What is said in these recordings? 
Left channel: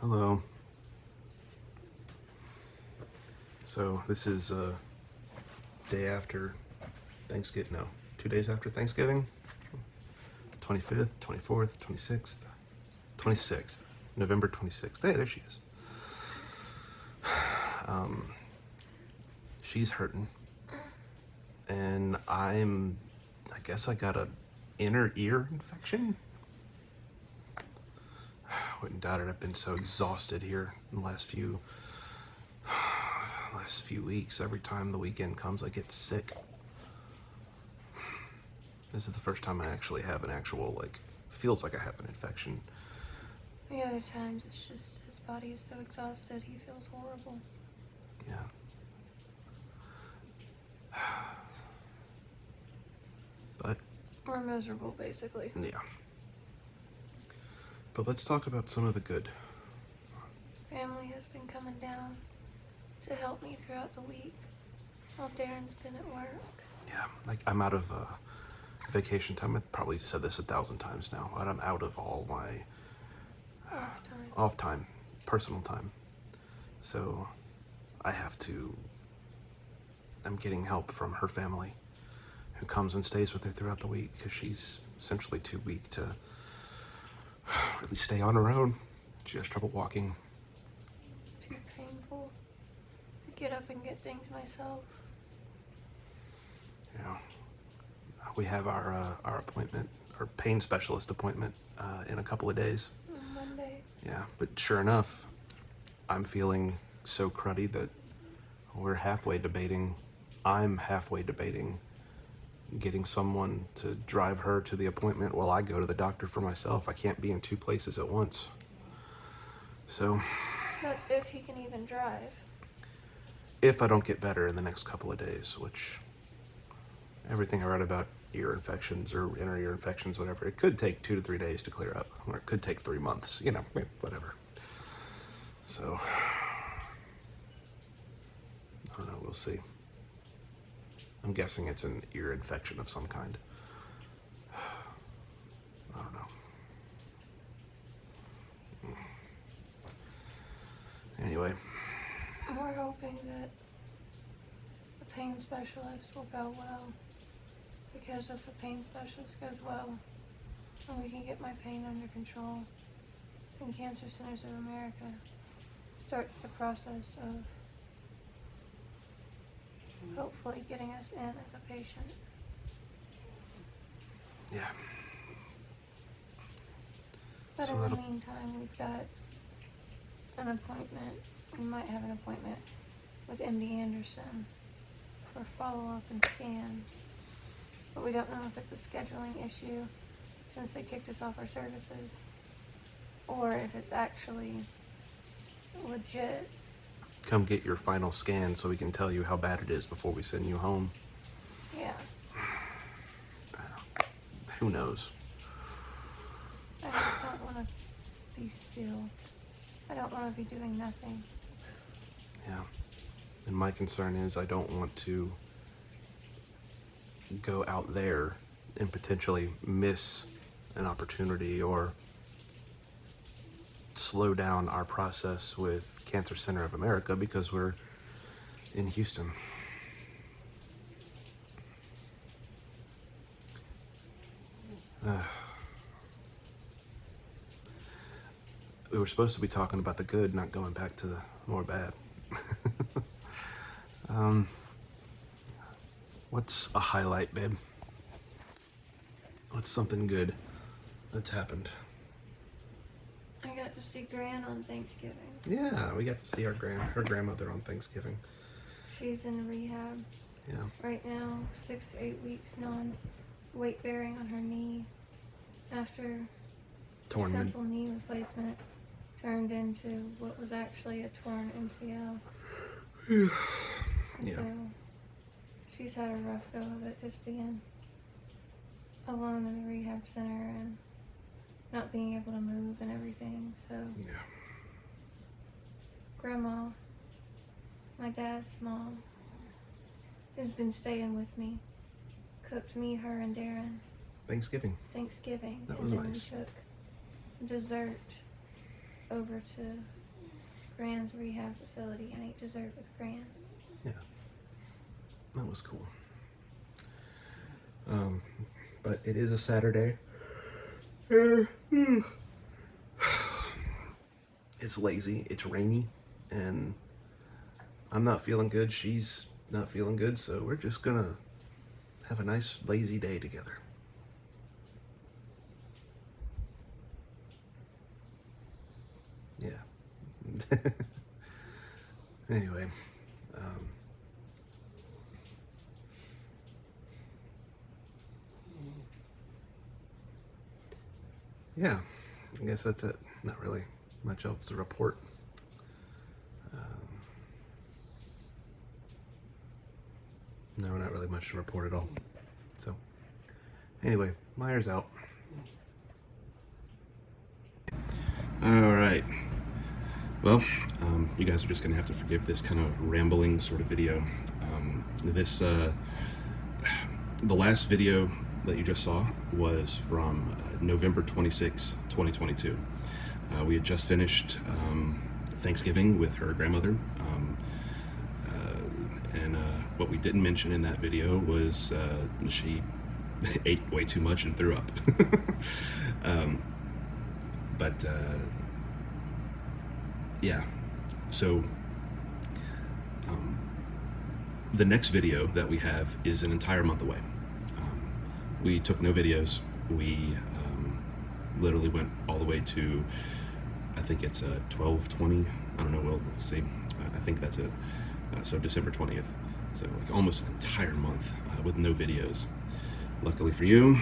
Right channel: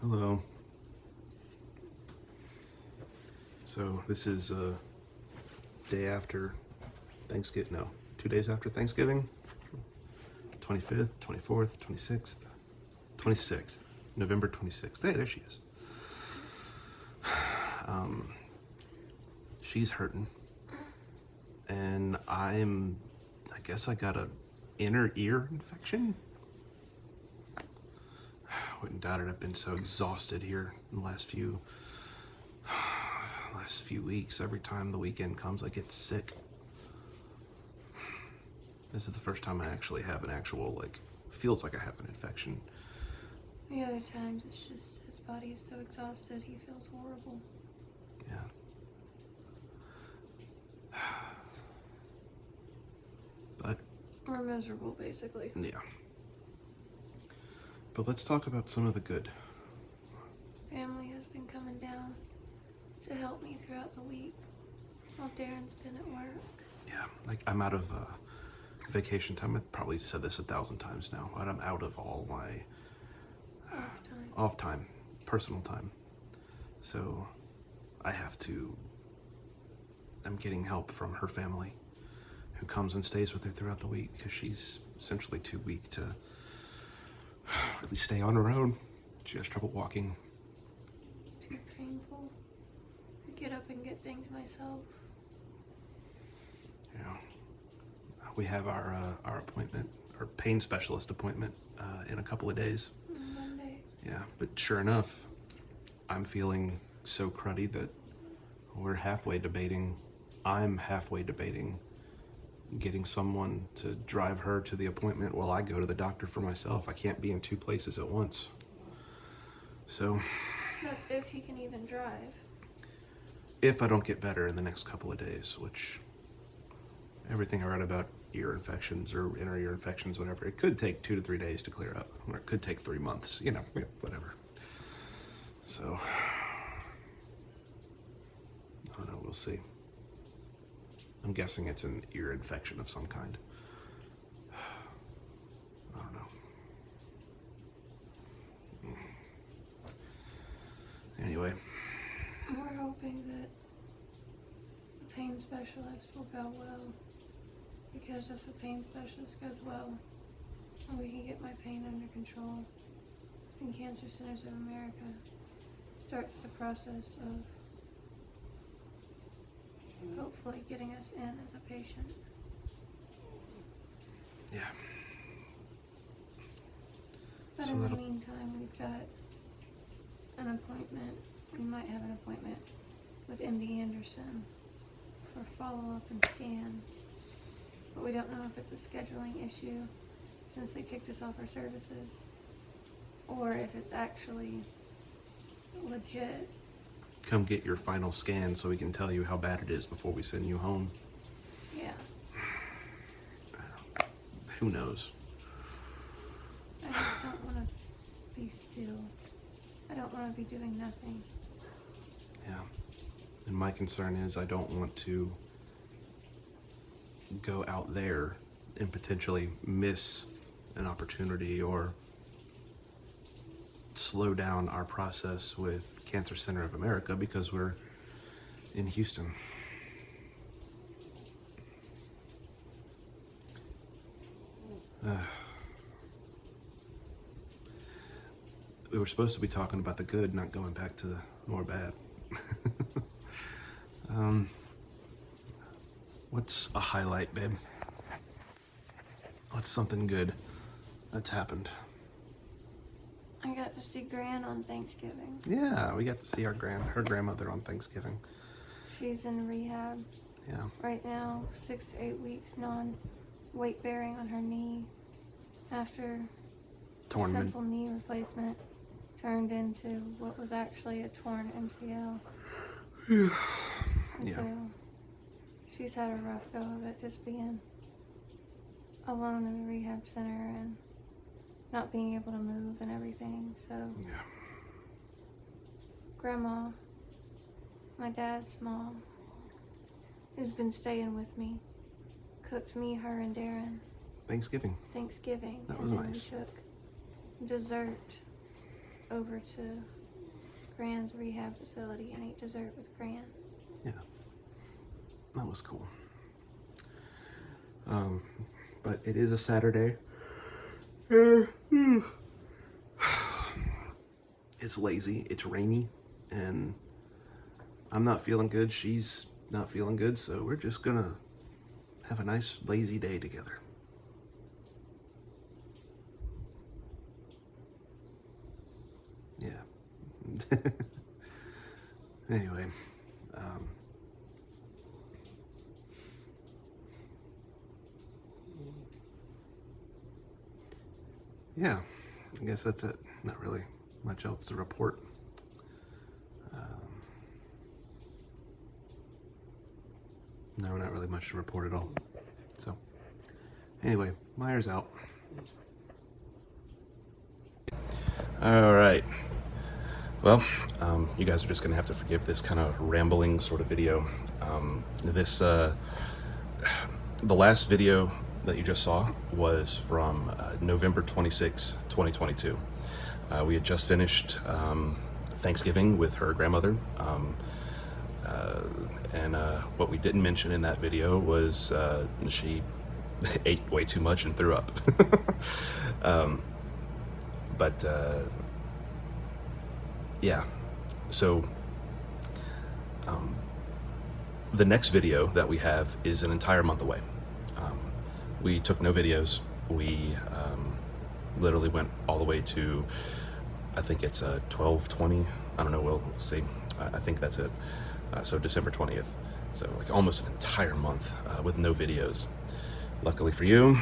Hello. So this is day after Thanksgiving. No, 2 days after Thanksgiving. 25th, 24th, 26th, 26th, November 26th. Hey, there she is. She's hurting, and I guess I got an inner ear infection. Wouldn't doubt it. I've been so exhausted here in the last few weeks. Every time the weekend comes, I get sick. This is the first time I actually have an actual, feels like I have an infection. The other times it's just his body is so exhausted, he feels horrible. Yeah. But We're miserable, basically. yeah. But let's talk about some of the good. Family has been coming down to help me throughout the week while Darren's been at work. Yeah, I'm out of vacation time. I've probably said this 1,000 times now. I'm out of all my off time, personal time. So I'm getting help from her family who comes and stays with her throughout the week because she's essentially too weak to really stay on her own. She has trouble walking. Too painful to get up and get things myself. Yeah. We have our appointment, our pain specialist appointment in a couple of days. Monday. Yeah, but sure enough, I'm feeling so cruddy that I'm halfway debating getting someone to drive her to the appointment while I go to the doctor for myself. I can't be in two places at once. So, That's if he can even drive. if I don't get better in the next couple of days, which everything I read about ear infections or inner ear infections, whatever, it could take 2 to 3 days to clear up, or it could take 3 months, whatever. So, I don't know, we'll see. I'm guessing it's an ear infection of some kind. I don't know. Anyway. We're hoping that the pain specialist will go well, because if the pain specialist goes well, then we can get my pain under control, and Cancer Centers of America starts the process of hopefully getting us in as a patient. Yeah. But So in the meantime, we've got an appointment. We might have an appointment with MD Anderson for follow-up and scans. But we don't know if it's a scheduling issue since they kicked us off our services, or if it's actually legit. Come get your final scan so we can tell you how bad it is before we send you home. Yeah. Who knows? I just don't want to be still. I don't want to be doing nothing. Yeah. And my concern is I don't want to go out there and potentially miss an opportunity or slow down our process with Cancer Center of America because we're in Houston. We were supposed to be talking about the good, not going back to the more bad. What's a highlight, babe? What's something good that's happened? I got to see Gran on Thanksgiving. Yeah, we got to see her grandmother on Thanksgiving. She's in rehab. Yeah. Right now, 6 to 8 weeks non-weight bearing on her knee after simple knee replacement turned into what was actually a torn MCL. And so she's had a rough go of it, just being alone in the rehab center and not being able to move and everything. So Yeah. Grandma, my dad's mom, who's been staying with me, cooked me, her, and Darren Thanksgiving. Thanksgiving. That was and then nice. we took dessert over to Grand's rehab facility and ate dessert with Gran. Yeah, that was cool. But it is a Saturday. It's lazy, it's rainy, and I'm not feeling good. She's not feeling good, so we're just gonna have a nice lazy day together. Yeah. Anyway, yeah, I guess that's it. Not really much else to report. No, not really much to report at all. So, anyway, Myers out. All right. Well, you guys are just gonna have to forgive this kind of rambling sort of video. The last video that you just saw was from November 26, 2022. We had just finished Thanksgiving with her grandmother. And what we didn't mention in that video was she ate way too much and threw up. Yeah, so the next video that we have is an entire month away. We took no videos. We literally went all the way to, I think it's 12/20. I don't know, we'll see. I think that's it. So December 20th. So like almost an entire month with no videos. Luckily for you,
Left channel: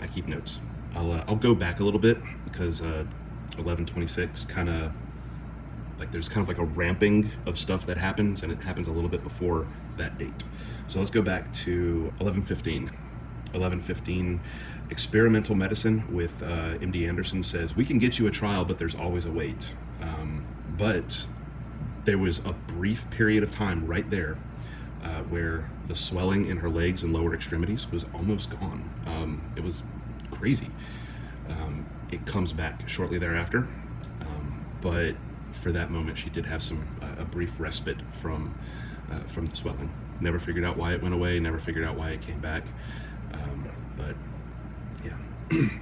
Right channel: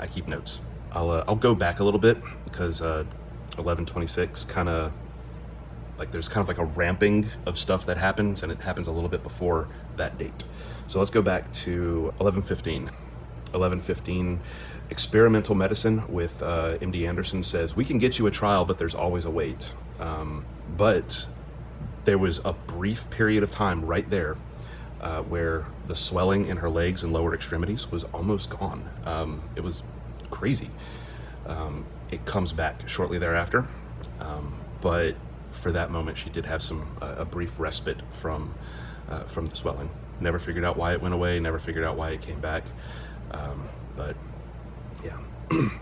I keep notes. I'll go back a little bit because 11/26 kind of like there's kind of like a ramping of stuff that happens, and it happens a little bit before that date. So let's go back to 11/15. 11/15, experimental medicine with MD Anderson says, we can get you a trial, but there's always a wait. But there was a brief period of time right there where the swelling in her legs and lower extremities was almost gone. It was crazy. It comes back shortly thereafter, but for that moment she did have a brief respite from the swelling. Never figured out why it went away, never figured out why it came back, but yeah.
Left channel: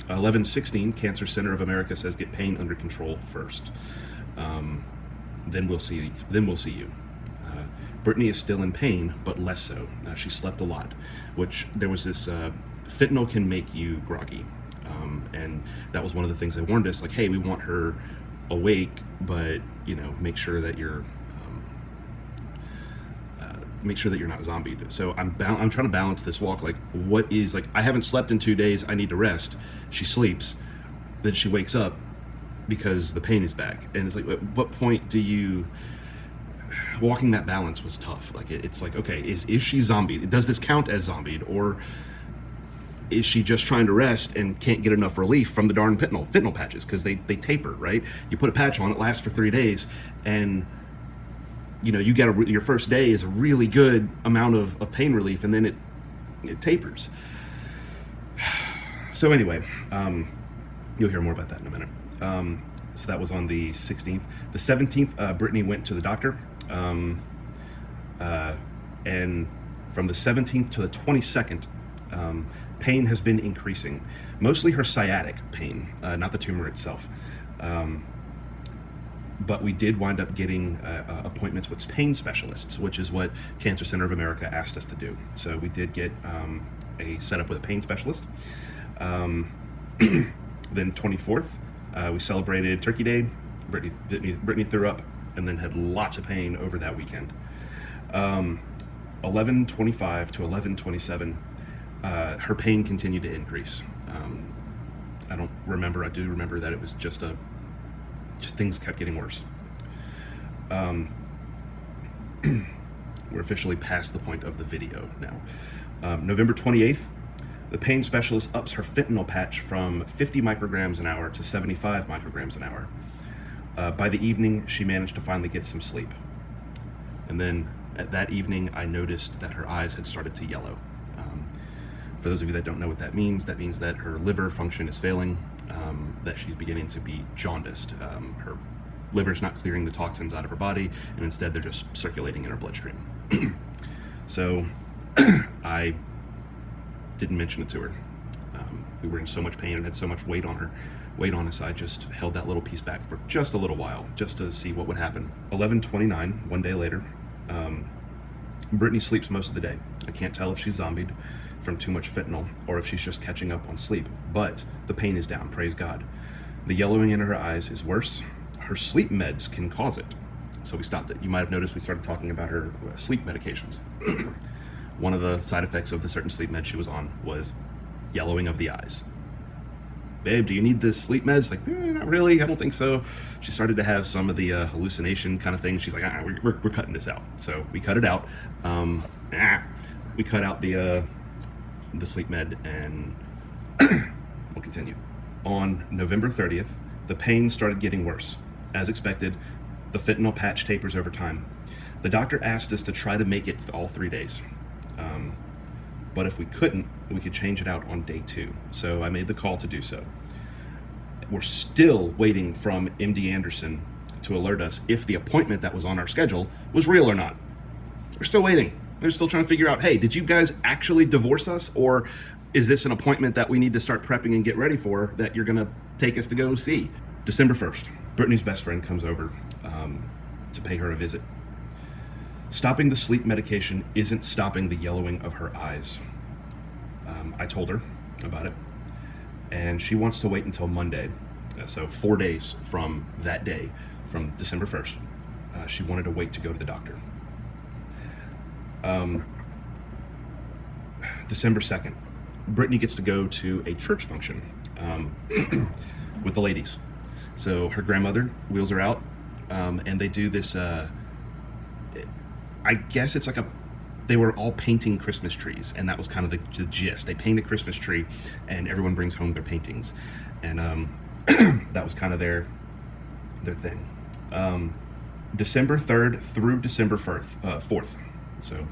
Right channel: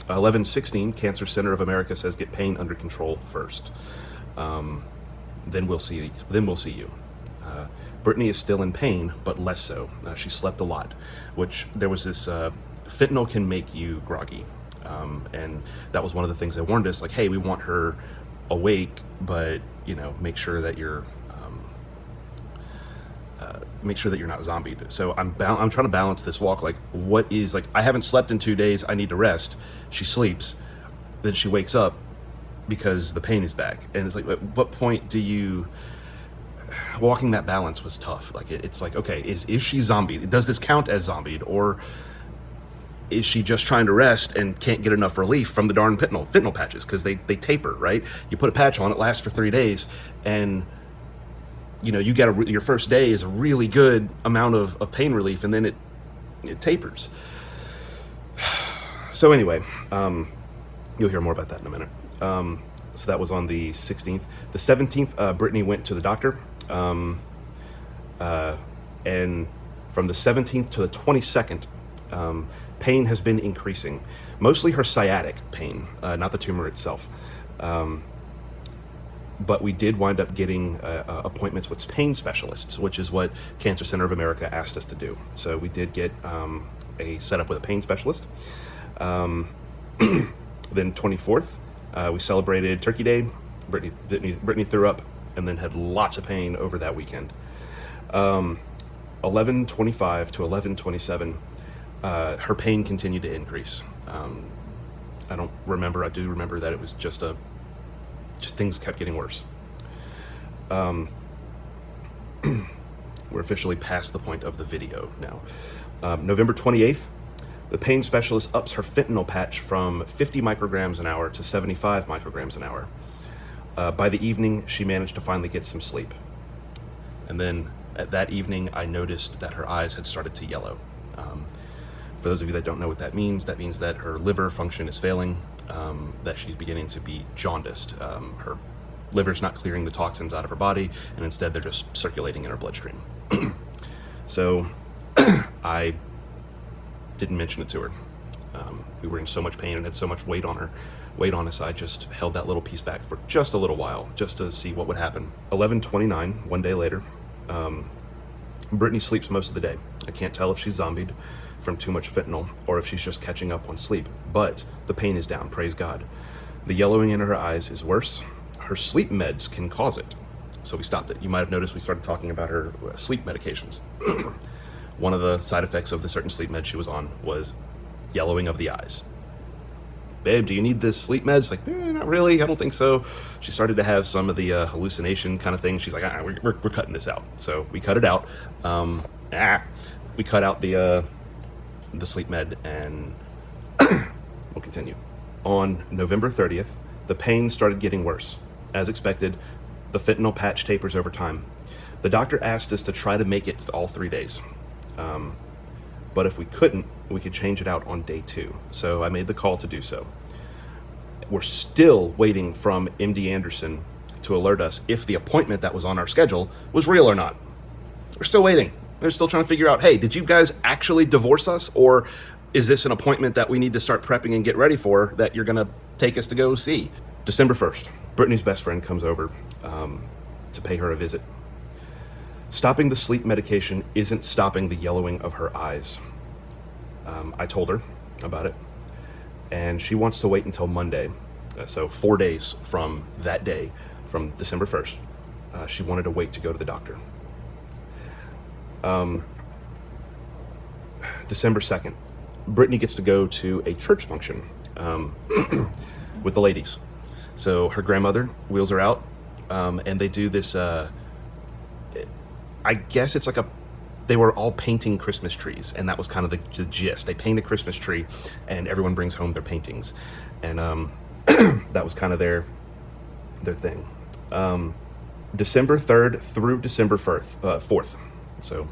11/16, Cancer Center of America says get pain under control first. Then we'll see you. Brittany is still in pain, but less so. She slept a lot, which there was this fentanyl can make you groggy, and that was one of the things they warned us, like, hey, we want her awake, but make sure that you're not zombied. So I'm trying to balance this walk. Like, what is, like, I haven't slept in 2 days, I need to rest. She sleeps, then she wakes up because the pain is back, and it's like, at what point do you, walking that balance was tough. Like, it's like, okay, is she zombied? Does this count as zombied, or is she just trying to rest and can't get enough relief from the darn fentanyl patches? Because they taper, right? You put a patch on, it lasts for 3 days, and you get your first day is a really good amount of pain relief, and then it tapers. So anyway, you'll hear more about that in a minute. So that was on the 16th. The 17th, Brittany went to the doctor, and from the 17th to the 22nd, pain has been increasing. Mostly her sciatic pain, not the tumor itself. But we did wind up getting appointments with pain specialists, which is what Cancer Center of America asked us to do. So we did get a setup with a pain specialist. Then 24th, we celebrated Turkey Day. Brittany threw up and then had lots of pain over that weekend. 11/25 to 11/27, her pain continued to increase. I do remember that it was just things kept getting worse. We're officially past the point of the video now. November 28th, the pain specialist ups her fentanyl patch from 50 micrograms an hour to 75 micrograms an hour. By the evening, she managed to finally get some sleep. And then at that evening, I noticed that her eyes had started to yellow. For those of you that don't know what that means that her liver function is failing. that she's beginning to be jaundiced. Her liver's not clearing the toxins out of her body, and instead they're just circulating in her bloodstream. So I didn't mention it to her. We were in so much pain and had so much weight on us. I just held that little piece back for just a little while, just to see what would happen. 11:29, one day later, Brittany sleeps most of the day. I can't tell if she's zombied from too much fentanyl or if she's just catching up on sleep, but the pain is down, praise God. The yellowing in her eyes is worse. Her sleep meds can cause it, so we stopped it. You might have noticed we started talking about her sleep medications. One of the side effects of the certain sleep meds she was on was yellowing of the eyes. Babe, do you need this sleep meds? Like, not really, I don't think so. She started to have some of the hallucination kind of thing. She's like, we're cutting this out. So we cut it out. We cut out the sleep med, and we'll continue. On November 30th, the pain started getting worse. As expected, the fentanyl patch tapers over time. The doctor asked us to try to make it all 3 days. But if we couldn't, we could change it out on day 2. So I made the call to do so. We're still waiting from MD Anderson to alert us if the appointment that was on our schedule was real or not. We're still waiting. We're still trying to figure out, hey, did you guys actually divorce us? Or is this an appointment that we need to start prepping and get ready for that you're gonna take us to go see? December 1st, Brittany's best friend comes over to pay her a visit. Stopping the sleep medication isn't stopping the yellowing of her eyes. I told her about it, and she wants to wait until Monday. So 4 days from that day, from December 1st, she wanted to wait to go to the doctor. December 2nd, Brittany gets to go to a church function with the ladies. So her grandmother wheels her out, and they do this, I guess it's like they were all painting Christmas trees, and that was kind of the gist. They paint a Christmas tree, and everyone brings home their paintings, and that was kind of their thing. December 3rd through December 4th. So,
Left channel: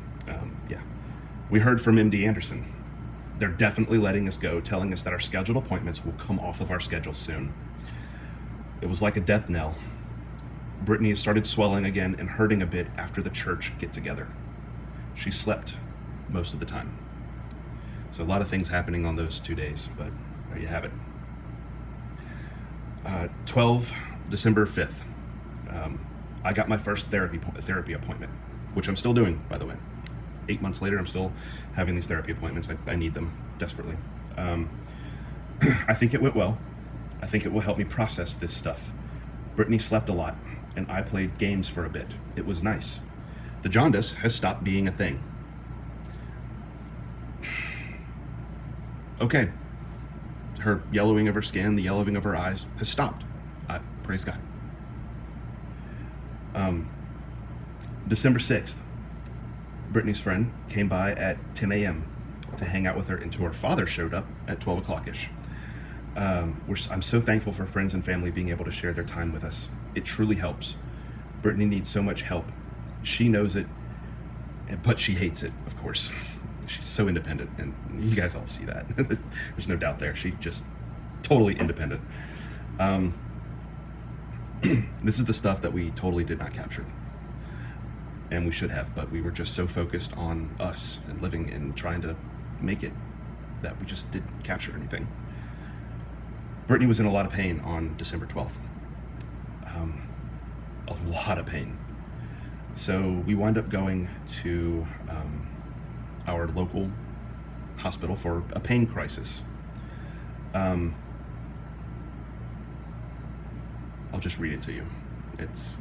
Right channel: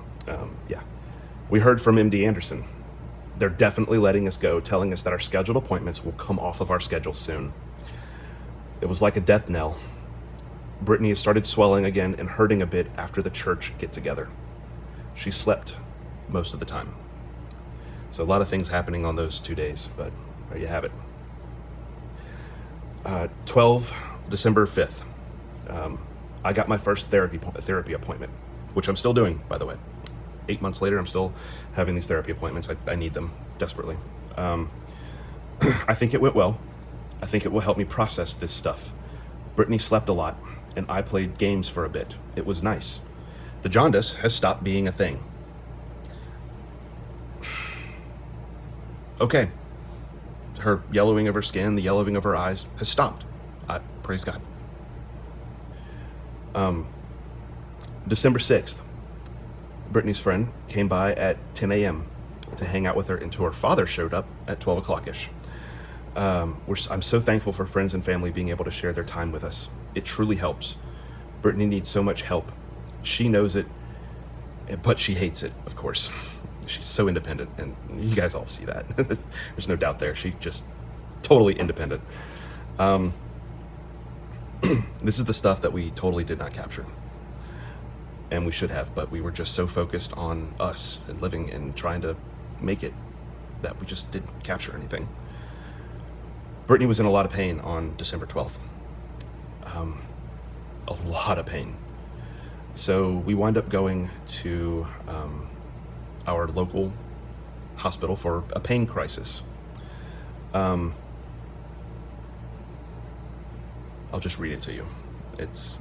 yeah. We heard from MD Anderson. They're definitely letting us go, telling us that our scheduled appointments will come off of our schedule soon. It was like a death knell. Brittany has started swelling again and hurting a bit after the church get-together. She slept most of the time. So a lot of things happening on those 2 days, but there you have it. 12 December 5th. I got my first therapy appointment, which I'm still doing, by the way. 8 months later, I'm still having these therapy appointments. I need them desperately. I think it went well. I think it will help me process this stuff. Brittany slept a lot, and I played games for a bit. It was nice. The jaundice has stopped being a thing. Okay. Her yellowing of her skin, the yellowing of her eyes has stopped. Praise God. December 6th, Brittany's friend came by at 10 a.m. to hang out with her until her father showed up at 12 o'clock-ish. I'm so thankful for friends and family being able to share their time with us. It truly helps. Brittany needs so much help. She knows it, but she hates it, of course. She's so independent, and you guys all see that. There's no doubt there. She's just totally independent. This is the stuff that we totally did not capture. And we should have, but we were just so focused on us and living and trying to make it that we just didn't capture anything. Brittany was in a lot of pain on December 12th. A lot of pain. So we wind up going to our local hospital for a pain crisis. I'll just read it to you. It's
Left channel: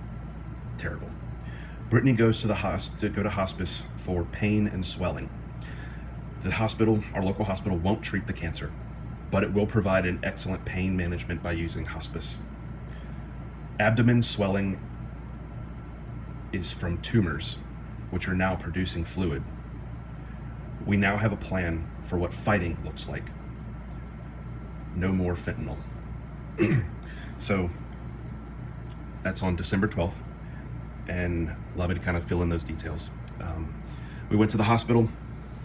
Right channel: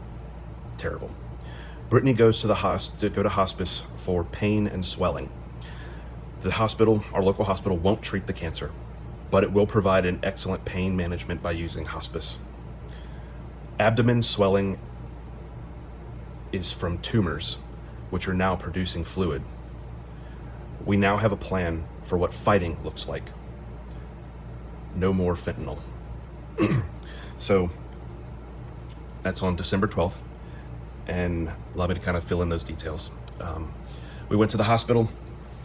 terrible. Brittany goes to go to hospice for pain and swelling. The hospital, our local hospital, won't treat the cancer, but it will provide an excellent pain management by using hospice. Abdomen swelling is from tumors, which are now producing fluid. We now have a plan for what fighting looks like. No more fentanyl. So that's on December 12th, and allow me to kind of fill in those details. We went to the hospital,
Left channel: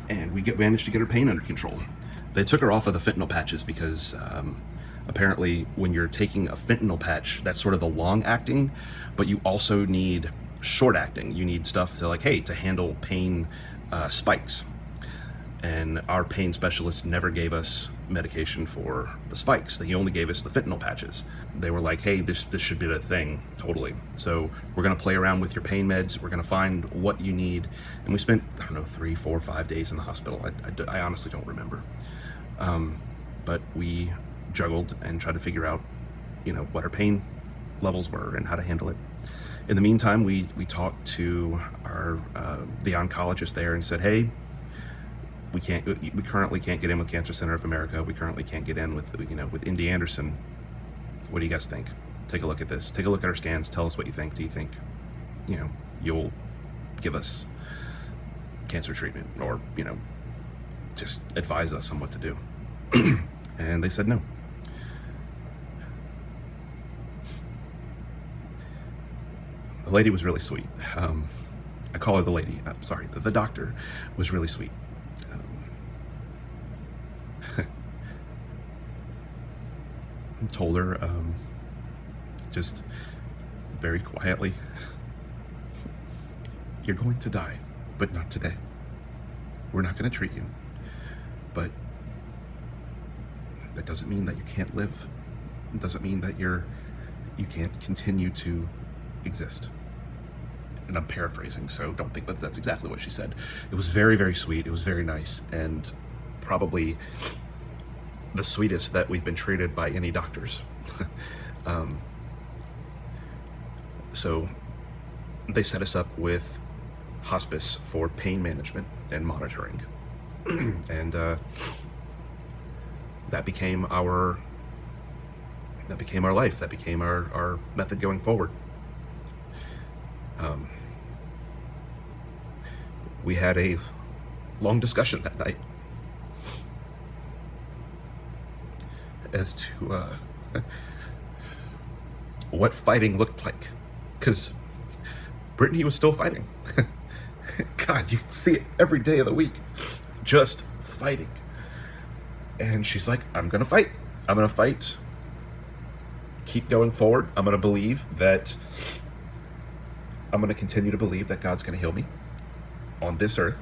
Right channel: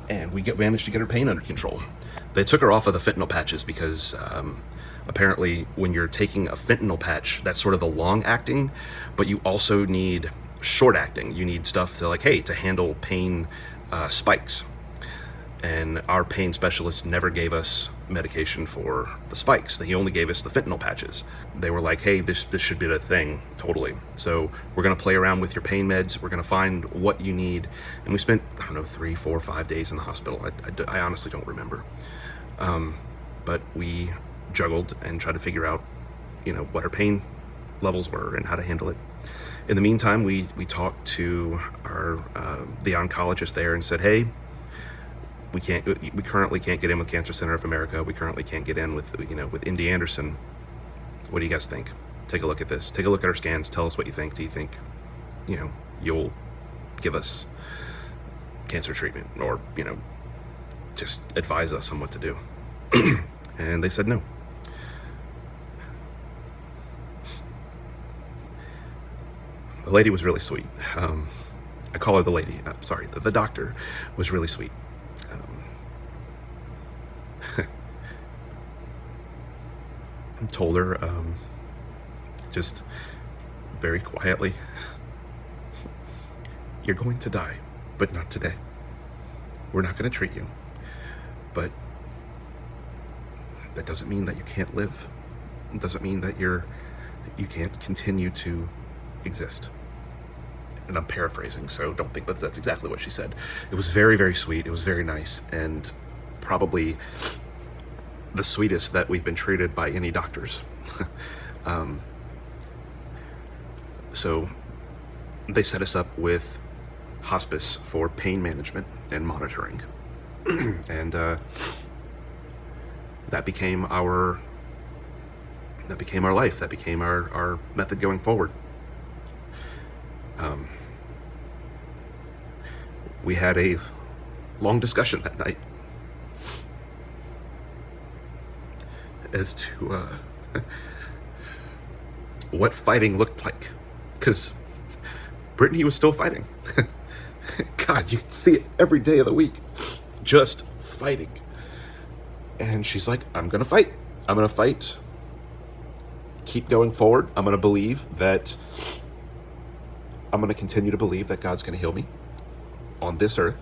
and we managed to get her pain under control. They took her off of the fentanyl patches because Apparently, when you're taking a fentanyl patch, that's sort of the long acting, but you also need short acting. You need stuff to, like, hey, to handle pain spikes. And our pain specialist never gave us medication for the spikes. He only gave us the fentanyl patches. They were like, hey, this should be the thing, totally. So we're gonna play around with your pain meds. We're gonna find what you need. And we spent, I don't know, 3, 4, 5 days in the hospital. I honestly don't remember. But we juggled and tried to figure out, what her pain levels were and how to handle it. In the meantime, we talked to the oncologist there and said, hey, we currently can't get in with Cancer Center of America. We currently can't get in with MD Anderson. What do you guys think? Take a look at this. Take a look at our scans. Tell us what you think. Do you think, you'll give us cancer treatment, or, just advise us on what to do? And they said no. The lady was really sweet. I call her the lady. Sorry, the doctor was really sweet. Told her, just very quietly, you're going to die, but not today. We're not going to treat you, but that doesn't mean that you can't live. It doesn't mean that you can't continue to exist. And I'm paraphrasing, so don't think that's exactly what she said. It was very, very sweet. It was very nice, and probably the sweetest that we've been treated by any doctors. So they set us up with hospice for pain management and monitoring. And that became our life. That became our method going forward. We had a long discussion that night as to what fighting looked like, because Brittany was still fighting. God, you can see it every day of the week, just fighting. And she's like, I'm gonna fight. I'm gonna fight. Keep going forward. I'm gonna continue to believe that God's gonna heal me on this earth,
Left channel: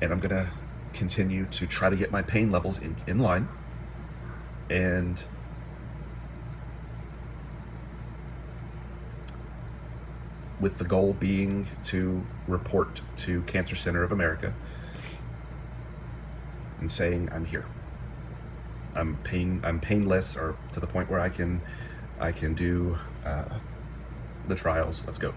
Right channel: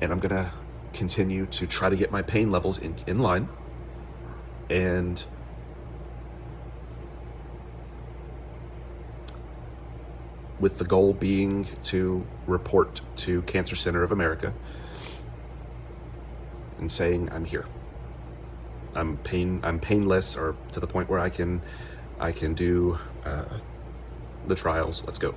and I'm gonna continue to try to get my pain levels in line, and with the goal being to report to Cancer Center of America and saying, I'm here. I'm painless, or to the point where I can do the trials. Let's go.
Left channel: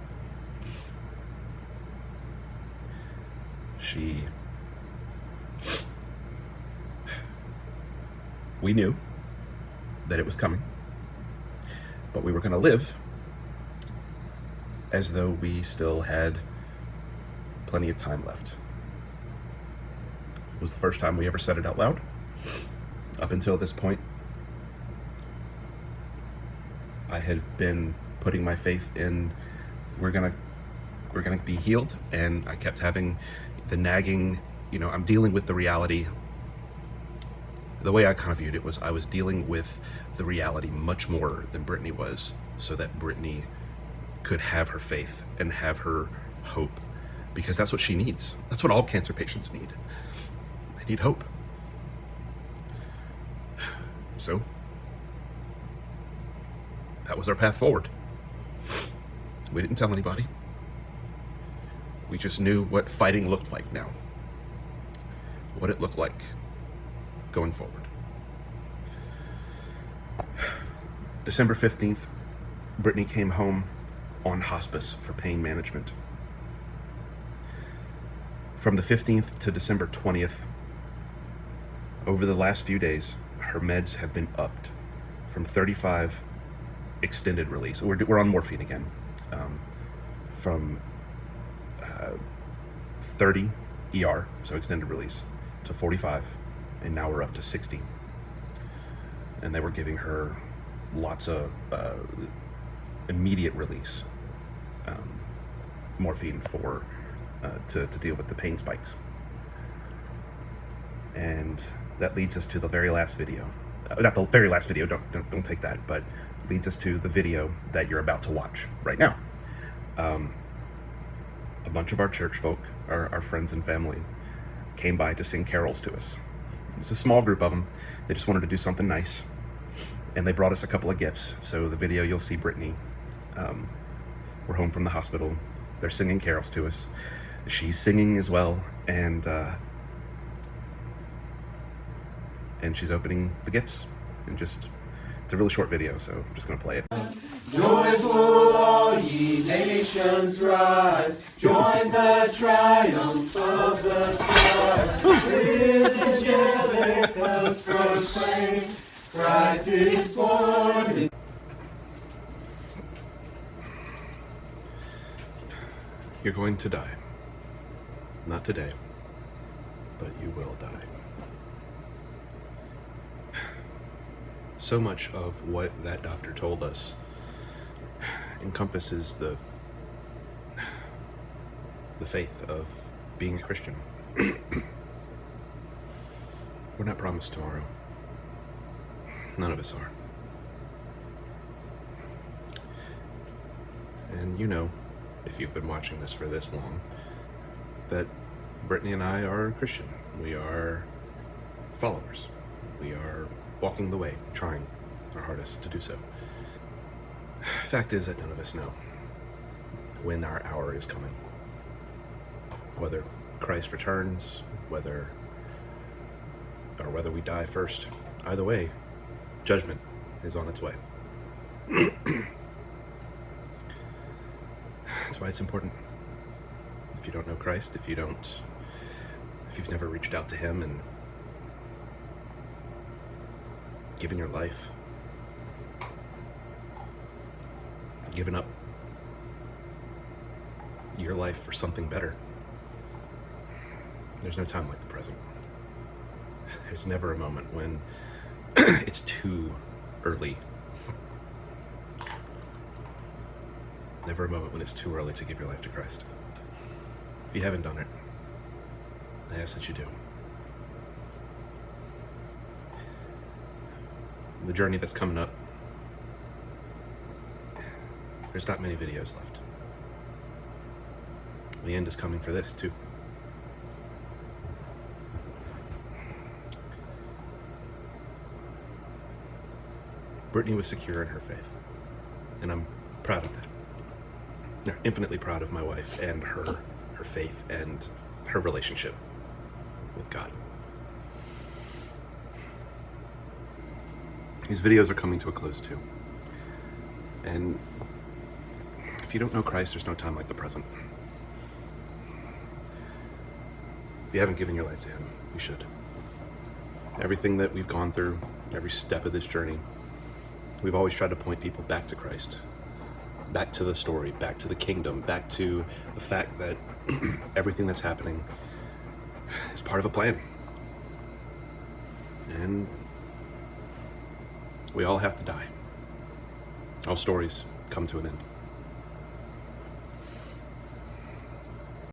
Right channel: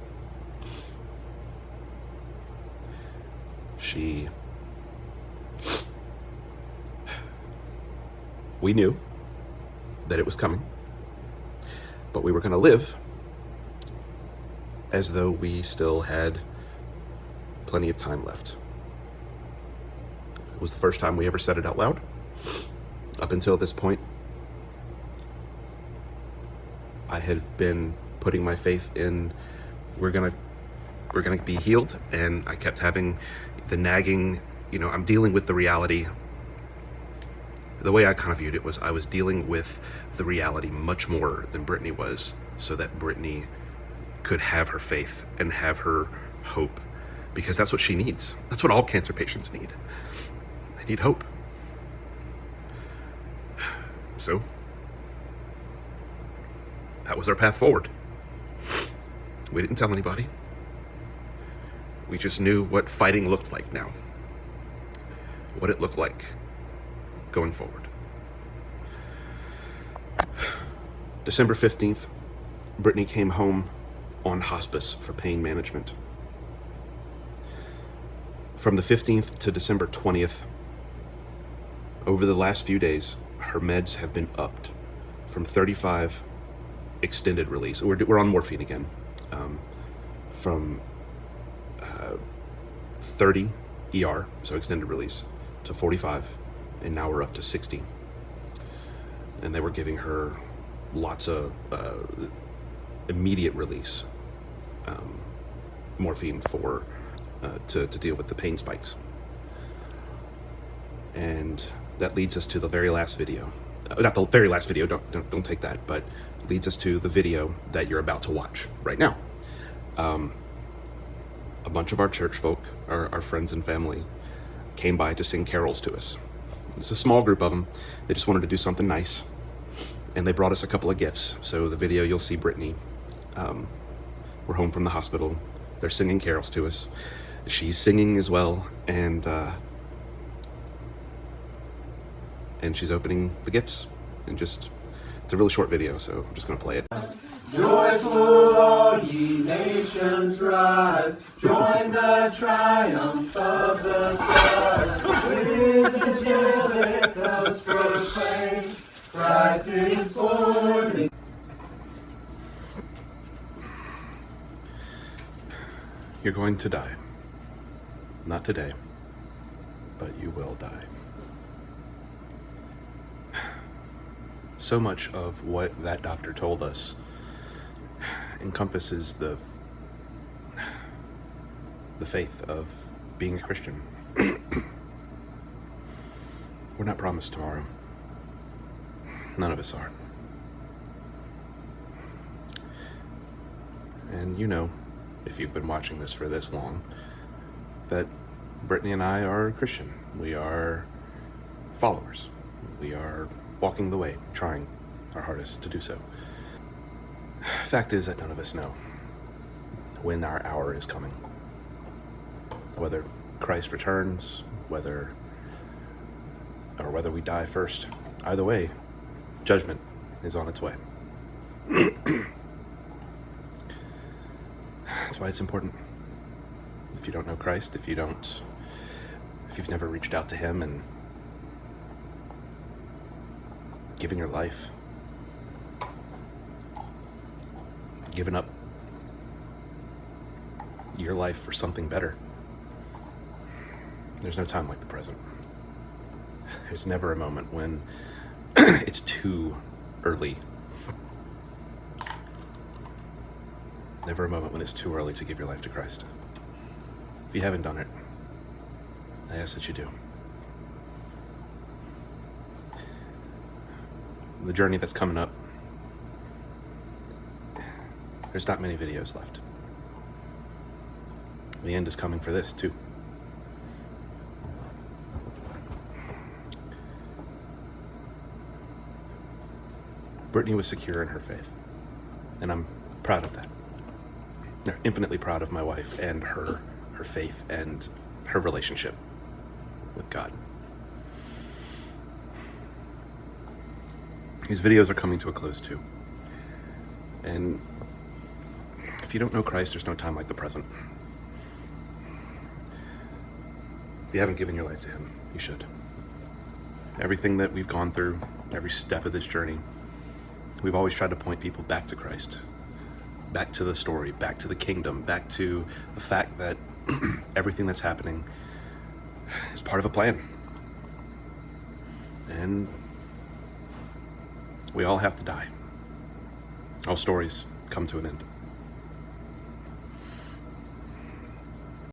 We knew that it was coming, but we were going to live as though we still had plenty of time left. It was the first time we ever said it out loud. Up until this point, I had been putting my faith in we're gonna be healed, and I kept having the nagging, I'm dealing with the reality. The way I kind of viewed it was I was dealing with the reality much more than Brittany was, so that Brittany could have her faith and have her hope, because that's what she needs. That's what all cancer patients need. They need hope. So that was our path forward. We didn't tell anybody. We just knew what fighting looked like now, what it looked like going forward. December 15th, Brittany came home on hospice for pain management. From the 15th to December 20th, over the last few days, her meds have been upped from 35 extended release. We're on morphine again. From 30 ER, so extended release, to 45, and now we're up to 60. And they were giving her lots of immediate release morphine to deal with the pain spikes. And that leads us to the very last video. not the very last video, don't take that, but leads us to the video that you're about to watch right now. A bunch of our church folk, our friends and family, came by to sing carols to us. It's a small group of them. They just wanted to do something nice, and they brought us a couple of gifts. So the video, you'll see Brittany. We're home from the hospital. They're singing carols to us. She's singing as well, and she's opening the gifts. And just, it's a really short video, so I'm just gonna play it. Joyful all ye nations rise, join the triumph of the stars. With Angelicus proclaim, Christ is born. You're going to die. Not today, but you will die. So much of what that doctor told us encompasses the faith of being a Christian. We're not promised tomorrow. None of us are. And you know, if you've been watching this for this long, that Brittany and I are Christian. We are followers. We are walking the way, trying our hardest to do so. Fact is that none of us know when our hour is coming. Whether Christ returns, whether we die first. Either way, judgment is on its way. That's why it's important. If you don't know Christ, if you've never reached out to him and given your life, given up your life for something better, there's no time like the present. There's never a moment when it's too early. Never a moment when it's too early to give your life to Christ. If you haven't done it, I ask that you do. The journey that's coming up, there's not many videos left. The end is coming for this too. Brittany was secure in her faith, and I'm proud of that. I'm infinitely proud of my wife and her faith and her relationship with God. These videos are coming to a close too. And if you don't know Christ, there's no time like the present. If you haven't given your life to him, you should. Everything that we've gone through, every step of this journey, we've always tried to point people back to Christ, back to the story, back to the kingdom, back to the fact that everything that's happening is part of a plan. And we all have to die. All stories come to an end.